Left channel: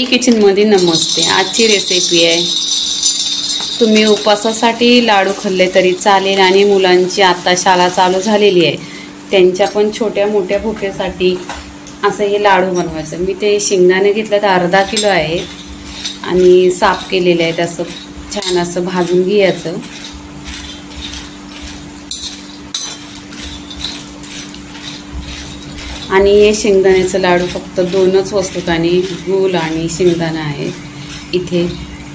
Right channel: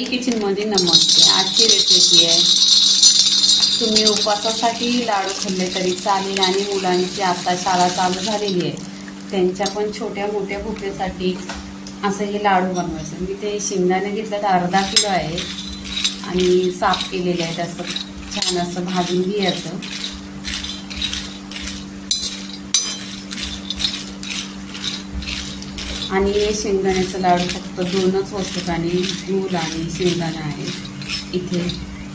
Kitchen मध्ये नमस्ते। आजची recipe आहे, तुम्ही उपवासासाठी लाडू खाल्ले तरी चालेल आणि मुलांची आता शाळा चालू झालेली आहे त्यांच्या पण छोट्या मोठ्या भुकेसाठी असं हे लाडू बनवायचं। मी ते शेंगदाणे घेतले तर अर्धा किलो आहे आणि साफ केलेले आहेत। असं छान असं भाजून घ्यायचं आणि हे शेंगदाण्याचं लाडू फक्त दोनच वस्तूंनी गूळ आणि शेंगदाणा आहे इथे।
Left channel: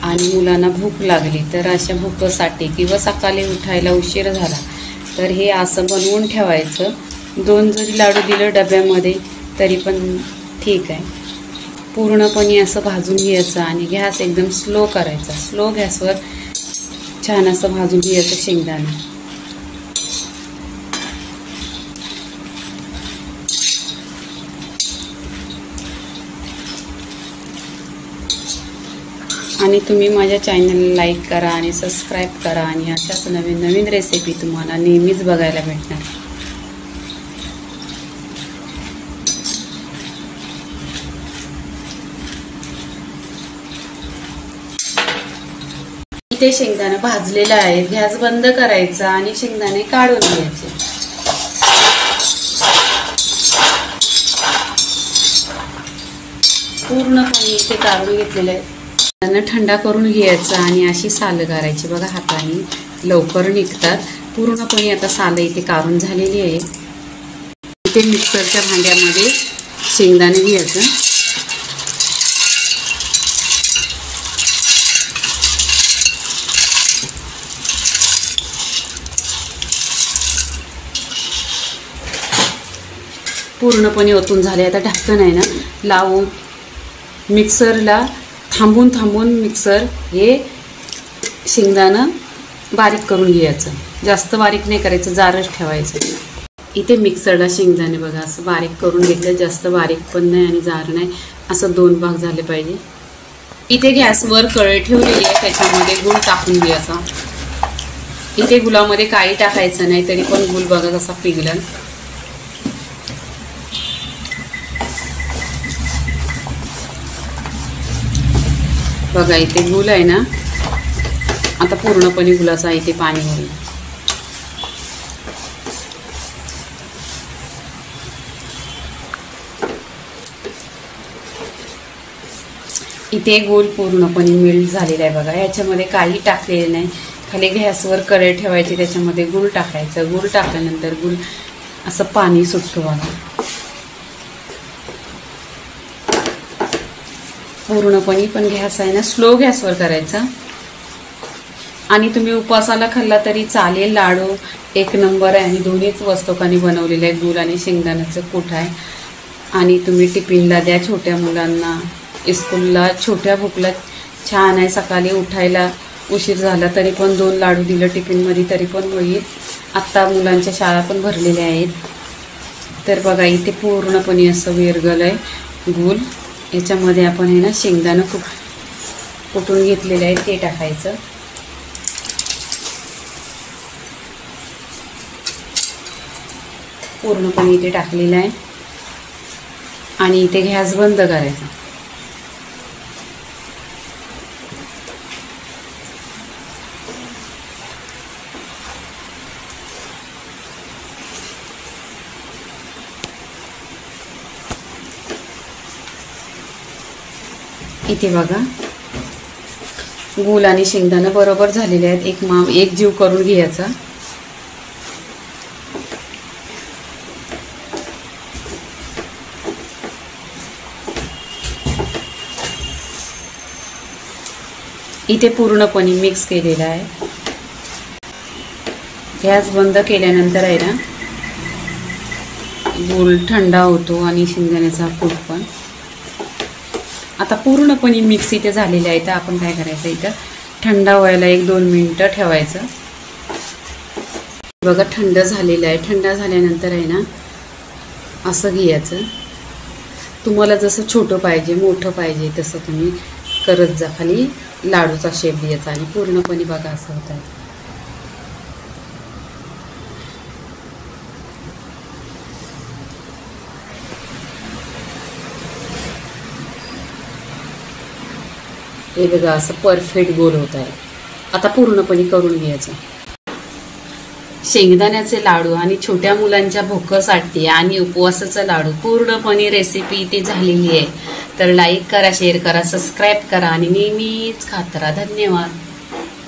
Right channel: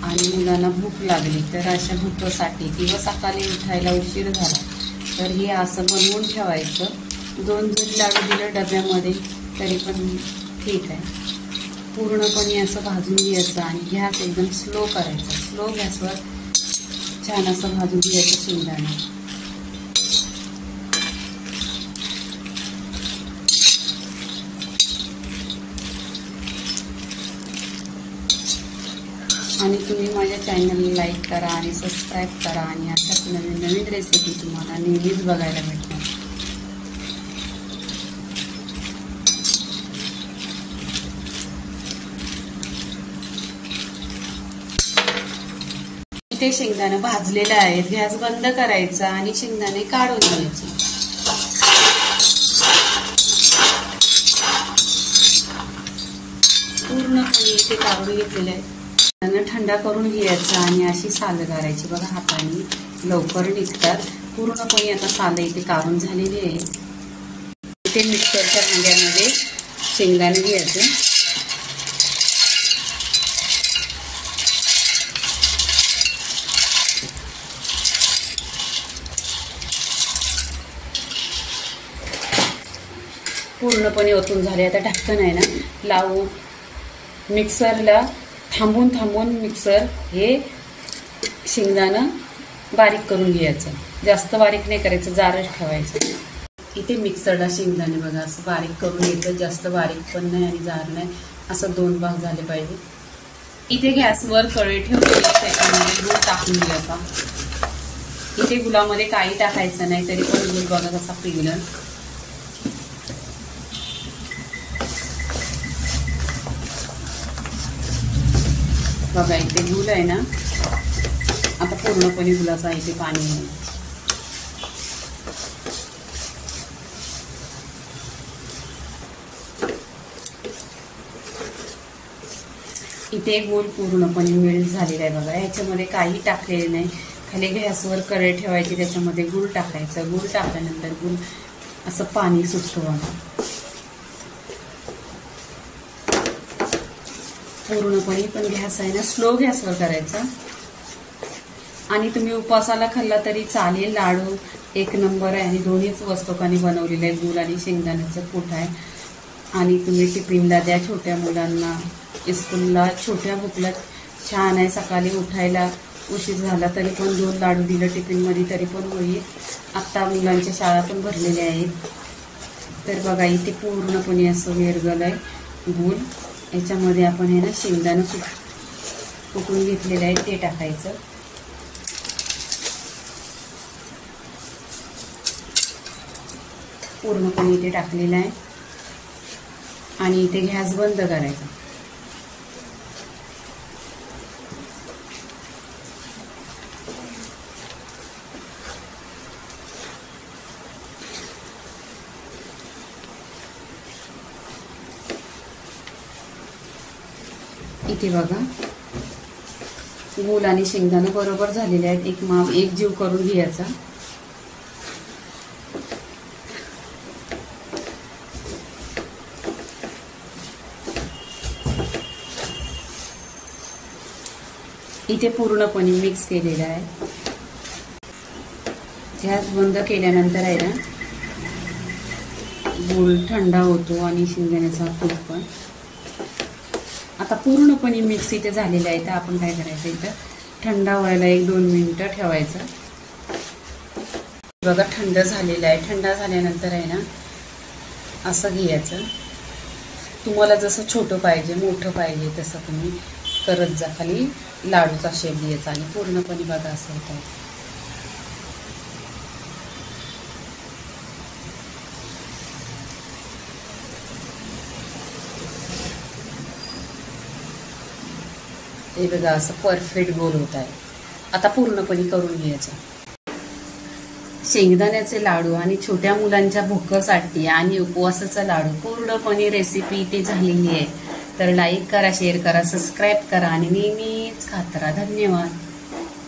आणि मुलांना भूक लागली तर अशा भूकेसाठी किंवा सकाळी उठायला उशीर झाला तर हे असं बनवून ठेवायचं। दोन जरी लाडू दिले डब्यामध्ये तरी पण ठीक आहे। पूर्णपणे असं भाजून घ्यायचं आणि गॅस एकदम स्लो करायचा। स्लो गॅसवर छान असं भाजून घ्यायचं शेंगदाणा। आणि तुम्ही माझ्या चॅनलला लाईक करा आणि सबस्क्राईब करा आणि अशाच नवीन नवीन रेसिपी तुम्हाला नेहमीच बघायला भेटणार। इथे शेंगदाणे भाजलेले आहेत। गॅस बंद करायचा आणि शेंगदाणे काढून घ्यायचे। पूर्णपणे इथे काढून घेतलेले आहेत। थंडा करून घ्यायचं आणि अशी साल करायची बघा, हाताने लवकर निघतात। पूर्णपणे आता साल इथे काढून झालेली आहे। इथे मिक्सरच्या भांड्यामध्ये शेंगदाणे घ्यायचं पूर्णपणे ओतून झाले। आता ढक्कन आहे ना लावून मिक्सरला थांबून मिक्सर हे शेंगदाणं बारीक करून घ्यायचं। जास्त बारीक नाही करायचं, जारच ठेवायचं। इथे मिक्सरला शेंगदाणे बघा असं बारीक करून घेतलं। जास्त बारीक पण नाही आणि जार नाही, असं दोन भाग झाले पाहिजे। इथे गॅसवर कढई ठेवलेली आहे, त्याच्यामध्ये गूळ टाकून घ्यायचा। इथे गुळामध्ये काही टाकायचं नाही तरी पण गूळ बघा कसा पिघलन। बघा इथे गूळ आहे ना, आता पूर्णपणे गुळाचं आहे इथे पाणी होईल। इथे गूळ पूर्णपणे मेल्ट झालेला आहे बघा। याच्यामध्ये काही टाकलेलं नाही, खाली गॅसवर कढई ठेवायची, त्याच्यामध्ये गूळ टाकायचं। गूळ टाकल्यानंतर गूळ असं पाणी सुटतं बघा। पूर्णपणे पण गॅस आहे ना स्लो गॅसवर करायचा। आणि तुम्ही उपवासाला खाल्ला तरी चालेल, लाडू एक नंबर आहे। आणि दोन्हीच वस्तूंनी बनवलेले आहे, गूळ आणि शेंगदाण्याचं कूट आहे। आणि तुम्ही टिफिनला द्या छोट्या मुलांना, स्कूलला छोट्या भूकला छान आहे। सकाळी उठायला उशीर झाला तरी पण दोन लाडू दिलं टिफिनमध्ये तरी पण होईल। आत्ता मुलांच्या शाळा पण भरलेल्या आहेत। तर बघा इथे पूर्णपणे असं विरघळलं आहे गूळ। याच्यामध्ये आपण हे ना शेंगदाणे कुटून घेतलेले आहे ते टाकायचं। पूर्णपणे इथे टाकलेलं आहे आणि इथे गॅस बंद करायचा। इथे बघा गूळ आणि शेंगदाणे बरोबर झालेले आहेत। एक जीव करून घ्यायचा। इथे पूर्णपणे मिक्स केलेला आहे। गॅस बंद केल्यानंतर आहे ना गूळ थंडा होतो आणि शेंगदाण्याचा कूट पण। आता पूर्णपणे मिक्स इथे झालेलं आहे। तर आपण काय करायचं, इथं थंड व्हायला 1-2 मिनिटं ठेवायचं। बघा थंड झालेलं आहे। थंड झाल्यानंतर आहे ना असं घ्यायचं। तुम्हाला जसं छोटं पाहिजे मोठं पाहिजे तसं तुम्ही करत जा। खाली लाडूचा शेप द्यायचा आणि पूर्णपणे बघा असं होत आहे। हे बघा असं परफेक्ट गोल होत आहे. आता पूर्णपणे करून घ्यायचं. शेंगदाण्याचे लाडू आणि छोट्या मुलांच्या भुकेसाठी आणि उपवासाचा लाडू पूर्णपणे रेसिपी ती झालेली आहे. तर लाईक करा, शेअर करा, सबस्क्राईब करा आणि नेहमीच खात राहा. धन्यवाद.